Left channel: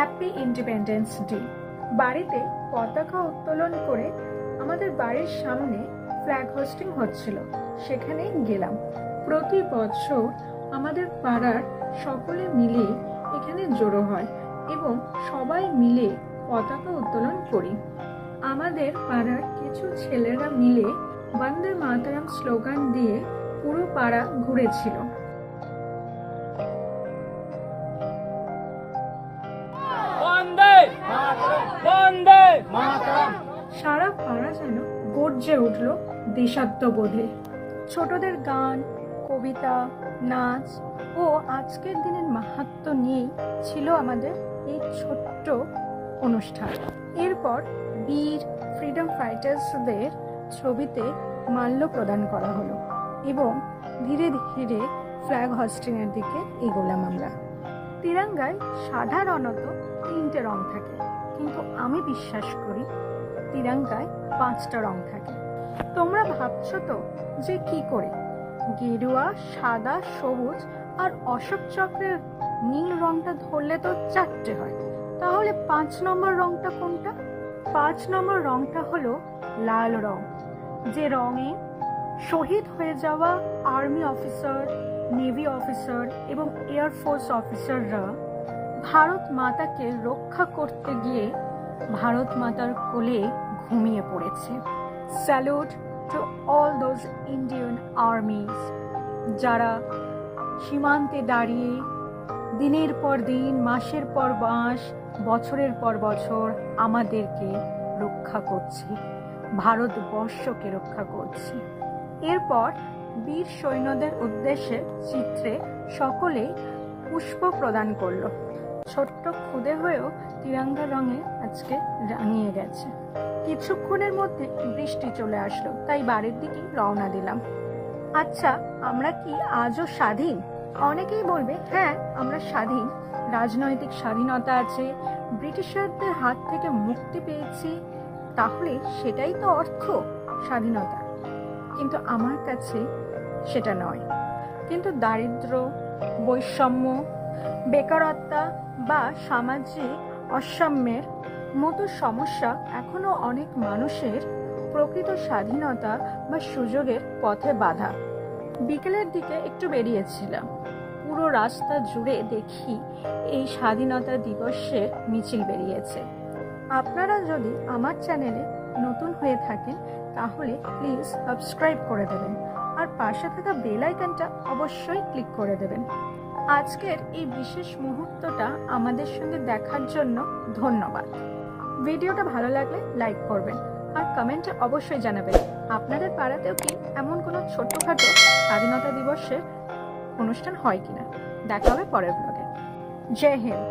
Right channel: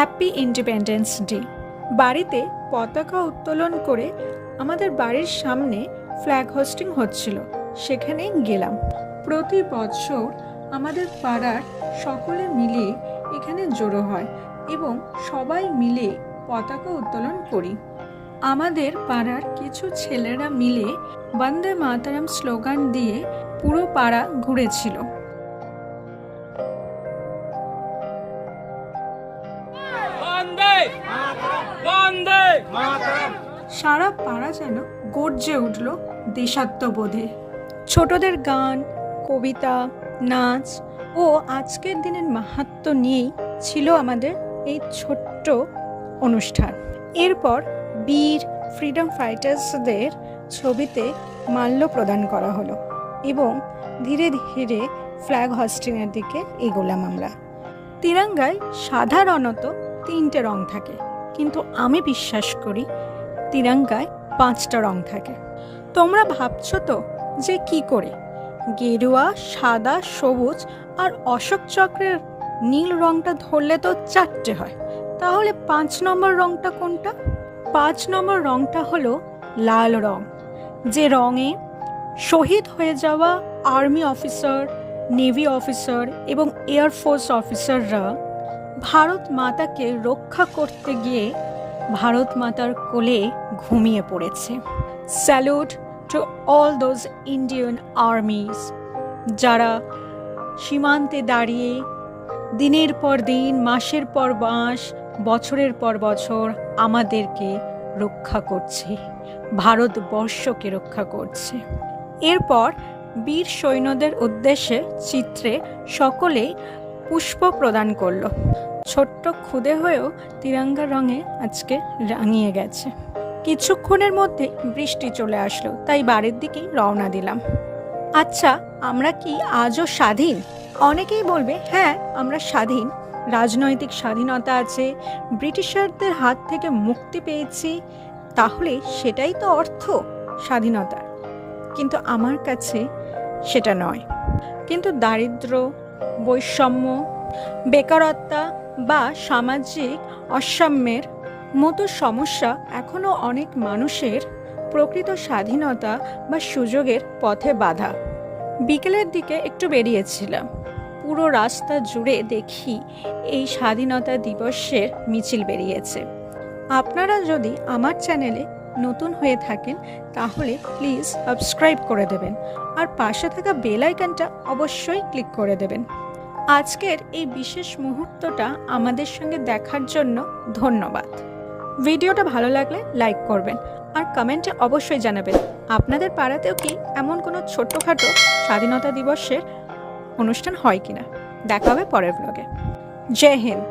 Happy independence day. বাড়িতে পতাকা উত্তোলন করে আমাদের বাড়ির সামনে ফ্ল্যাগ হোস্টিং হচ্ছিল, সেখানেই গেলাম। প্রতি বছর আমাদের পাড়ার সকলে মিলে এখানে জড়ো হয় এবং সবাই মিলে পতাকা উত্তোলন করি। আমাদের পাড়ার কিছু ছেলেরা মিলে বন্দে মাতরম স্লোগান দিয়ে পুরো পাড়া ঘুরেছিল। সারা পাড়া যেন গর্জে উঠল দেশাত্মবোধে। ছোটদের গান, কবিতা, নাচ ও আজকের দিনের মাহাত্ম্য নিয়েই ছিল আমাদের এই ছোট্ট অনুষ্ঠান। এরপর বীর ফ্রিডম ফাইটার্সদের ছবিতে মাল্য প্রদান করা হলো এবং ধীরে ধীরে ফ্ল্যাগ হোস্টিংয়ের দিকে এগোলাম আমরা। তিরঙ্গায় সাধারণত 3টে রং থাকে, কিন্তু আমি বিশ্বাস করি তিরঙ্গায় 5টা রং থাকে। তোমরা ভাবছো তো যে কি করে গেরুয়া, সাদা, সবুজ আর অশোক চক্রের নীল রংটা ধরলে তো 4টে হয়, তাহলে 5 নম্বর রংটা কোনটা? 5 নম্বর রংটা হলো লাল রং, যে রঙে শহীদ হয়ে যাওয়া আর্মি অফিসার, নেভি অফিসার এবং এয়ারফোর্স অফিসাররা ভারত মাতাকে রক্ষা করতে গিয়ে ভারত মাতার কোলে ঘুমিয়ে পড়েছে। Salute to all those Indian army's যারা সীমান্তে দাঁড়িয়ে দিনের পর দিন, মাসের পর মাস, বছরের পর বছর আমাদেরকে রক্ষা করছে, ভারতবর্ষকে রক্ষা করছে। এরপর বীর সৈন্যদের উদ্দেশ্যে চিত্রে সকলে পুষ্প প্রদান করলো। ছোট্ট খুদে হয়েও তিরঙ্গা রঙে আজকে রাঙিয়ে গেছে। কিছুক্ষণের মধ্যে বৃষ্টি চলে আসলো, তাই বাড়ির দিকেই রওনা দিলাম। আচ্ছা, আমরা কি আজও স্বাধীন? অনেকেই বলবে হ্যাঁ, আমরা স্বাধীন, রাজনৈতিক স্বাধীনতা আছে, ব্রিটিশারদের হাত থেকে মুক্তি পেয়েছি, তাহলে সেটাই তো অর্থ স্বাধীনতার। কিন্তু আমার কাছে সেটা নয়। কিন্তু দারিদ্র্য, বৈষম্য, বেকারত্ব বা সামাজিক অসাম্যের মতো সমস্যা এখনও অনেক মানুষের প্রকৃত স্বাধীনতা বা সুযোগের পথে বাধা। বিকেলের দিকে একটু বেরিয়েছিলাম, পুরো রাস্তা জুড়ে দেখি এই স্বাধীনতা দিবসের মিছিল বেরিয়েছে। আপনারা যদি আমার চ্যানেলে নতুন হয়ে থাকেন তাহলে প্লিজ সাবস্ক্রাইব করে দেবেন আর পাশে থাকা বেল আইকনটা অবশ্যই ক্লিক করে দেবেন। আজকের এই বিশেষ মুহূর্তটা আমাদের সঙ্গে দেখার জন্য ধন্যবাদ। ভিডিওটা ভালো লাগলে লাইক করবেন আর কমেন্টে অবশ্যই জানাবেন আপনাদের পাড়াতেও কি এমন কোনো ছোট্টখাটো স্বাধীনতা দিবসের অনুষ্ঠান হয় কিনা। দেখা হবে পরের ব্লগে। জয় হিন্দ।